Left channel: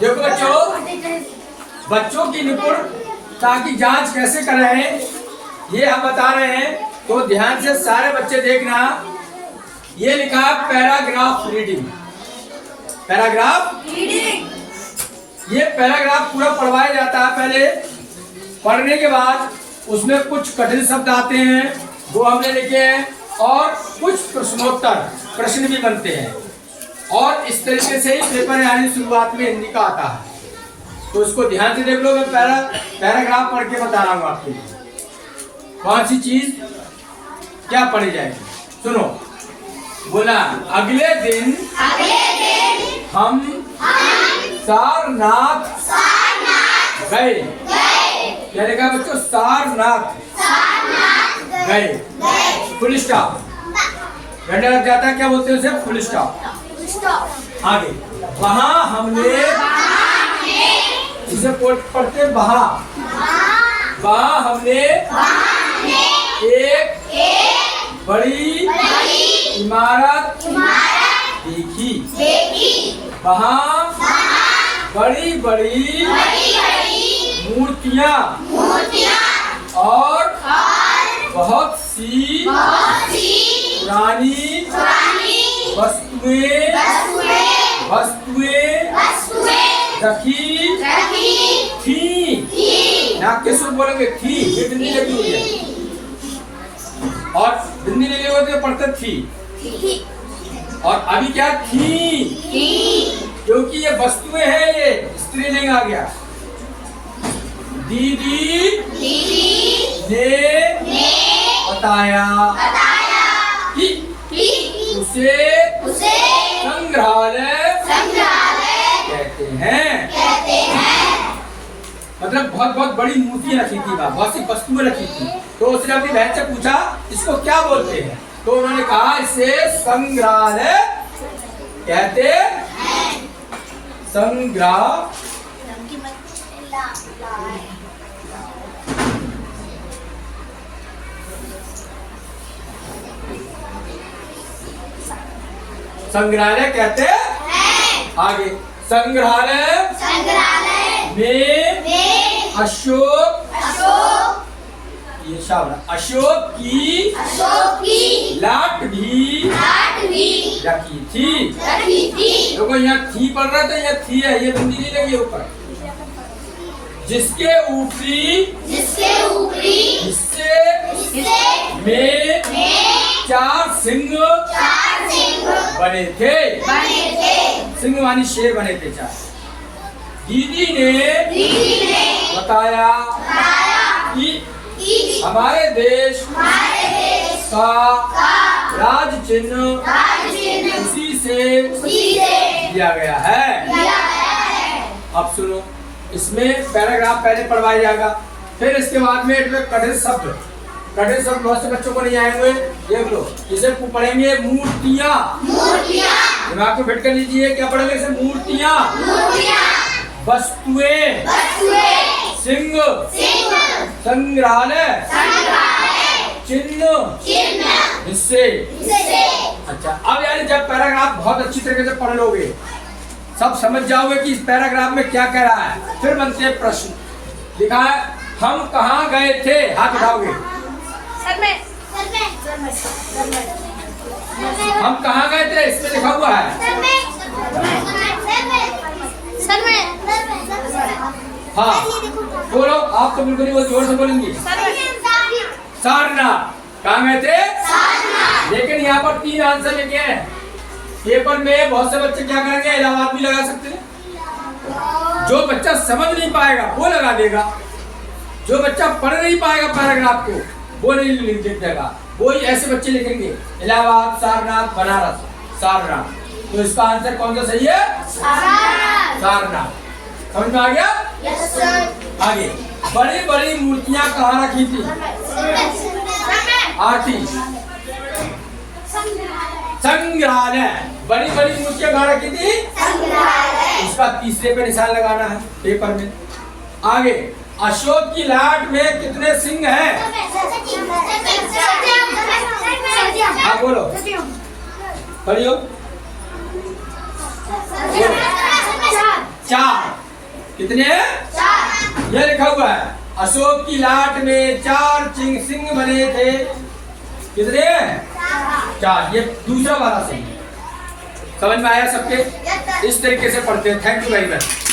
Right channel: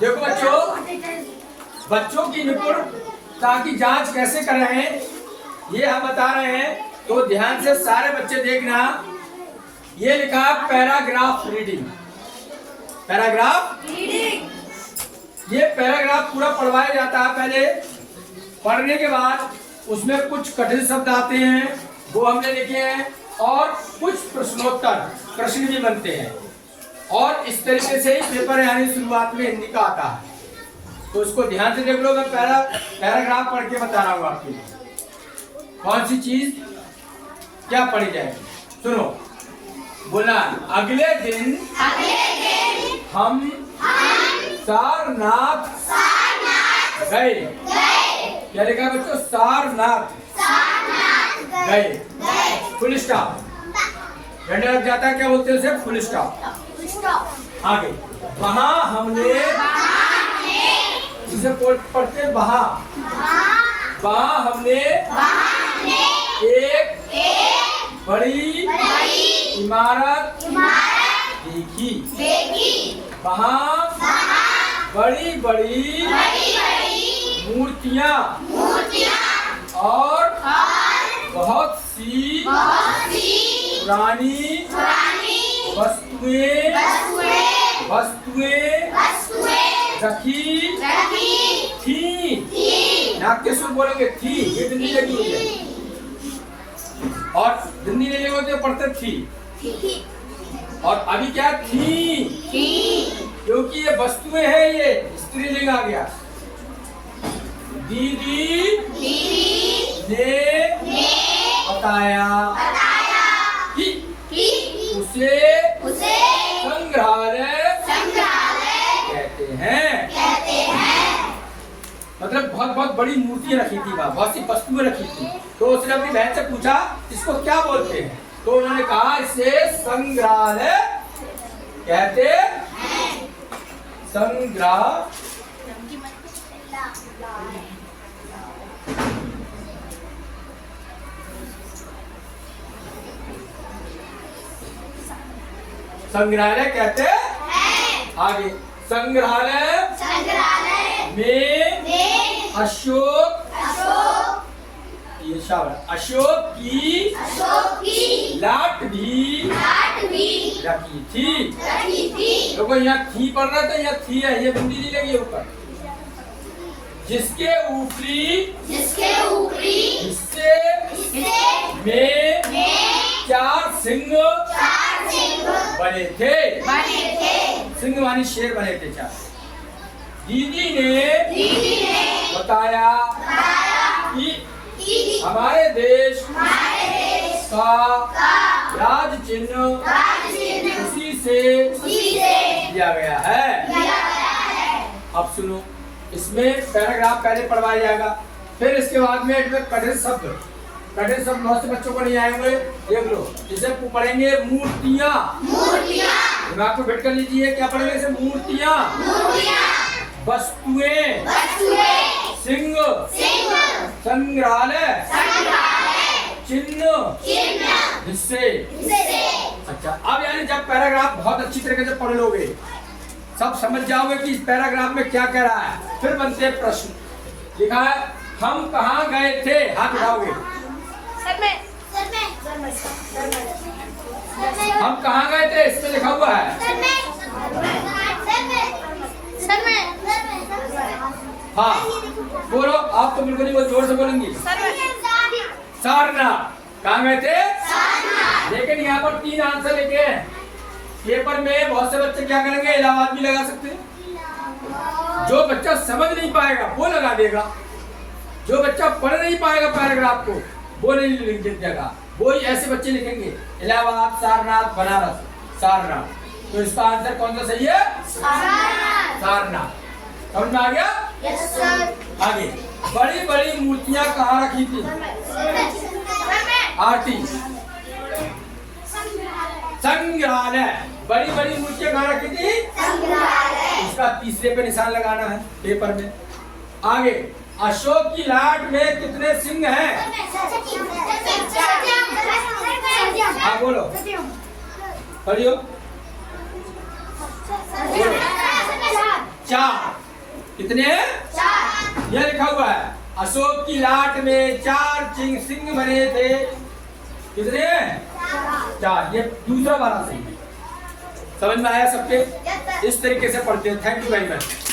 देखो बच्चों की निपुणता की जांच कैसे कर रहे हैं ये हम बता रहे हैं, तो ध्यान से सारे बच्चे देखना। ये लिखा है पैराग्राफ रीडिंग। पैराग्राफ रीडिंग, ये पैराग्राफ पूरा पढ़वाया जाता है। पहले पढ़ने के बाद उसमें कुछ कठिन शब्द आते हैं, वो हमने लिखे हैं, और कुछ प्रश्नोत्तर प्रश्न भी बनते हैं। और इस तरीके से ही पेपर यानी शुरुआत में हिंदी का आता है। तो इसको ध्यान से देख लो। मैं पैराग्राफ पढ़ के बता रहा हूँ आपके लिए कौन सी चीज क्या पढ़ी जाएगी। सुनो, बोला अगले दिन हम सारनाथ गए। क्या लिखा बच्चों? सारनाथ गए। फुल स्टॉप, घंटा लग जाता है, क्या बोलते हैं उसे? Full stop. आगे वहां हमने, जिसे पढ़ते वहां हमने एक बड़ी इमारत देखी। वहां बड़ी बड़ी मूर्तियां और बहुत सी पुरानी वस्तुएं रखी थी। ना किसको बोलेंगे? थी, ये बिंदी लगी हुई है, और बिंदी लगी होती है पढ़ते थी। और अभी क्या? थी, क्योंकि ये वस्तुएं हैं, ये स्त्रीलिंग आ गया। दीदी ने बताया कि उसे संग्रहालय कहते हैं। मतलब बहुत बड़ी मूर्ति रखी थी, बहुत सी वस्तुएं रखी थी। तो उसने अपनी बहन से पूछा इसको क्या बोलते हैं, तो उन्होंने कहा इसे संग्रहालय कहते हैं। संग्रह संग्रहालय कहते हैं। आगे संग्रहालय में अशोक की लाट भी रखी थी। देखो यहाँ थी पढ़ रहा था, यहाँ थी है, ये बिंदी नहीं लगी ऊपर। जिसके ऊपरी हिस्से में 4 सिंह बने थे। सिंह मानी शेर बने थे 4। दीदी ने बताया कि हमारे देश का राज चिन्ह इसी से दिया गया है। अब सुनो, इसमें पैराग्राफ पहले पढ़वाया जाएगा, फिर इसके बाद में कठिन शब्द बहुत से बच्चों को नहीं आए हुए, देख लो। इसे पढ़ेंगे मूर्तियां। दिमाग को फिट कर लीजिए, क्या पढ़ेंगे इसे? मूर्तियां, वस्तुएं, सिंह, संग्रहालय, चिन्ह, हिस्से। अच्छा, अब यानी जब पैराग्राफ बहुत अच्छी तरीके से पढ़ लोगे, सब समझ जाओगे कि इस पैराग्राफ में क्या कह रहा है। फिर बनते हैं प्रश्न। लिखा है हम कहाँ गए थे, हाथ उठाओगे। हम कहाँ गए थे, इसमें लिखा हुआ है। हाँ बोलो, आप तो बिल्कुल नहीं, बहुत जोर से बोलेंगी। सारनाथ। कहाँ गए थे? लेकिन यहाँ पर 3 आंसर लिखे हैं। पेपर में बहुत से बच्चे क्या करेंगे? इलाहाबाद भी लगा सकते हैं। जो बच्चा समझ नहीं पाएगा वो लगा देगा, जो बच्चा पढ़ नहीं पाएगा पैराग्राफ को वो नहीं लिख देगा। वो ही ऐसे बच्चे लिखेंगे इलाहाबाद, सारनाथ, बनारस, सारनाथ। तो इसका आंसर कौन सा सही है? सारनाथ। समझ में आ गया? Yes sir. आगे बड़ी बड़ी मूर्तियां कहाँ रखी थी? आरती संग्रहालय। बड़ी बड़ी मूर्तियां कहाँ रखी थी? इसका तीसरे पे निशान लगाना है पेपर में। आगे अशोक की लाट में कितने सिंह हैं? हाँ बोलो, पढ़ियो। 4। कितने? ये लिखा हुआ है अशोक की लाट में 4 सिंह बने थे। कितने? 4। ये दूसरा वाला सिंह। समझ में आया सबके? इस तरीके से पढ़ते हैं। Thank you very much.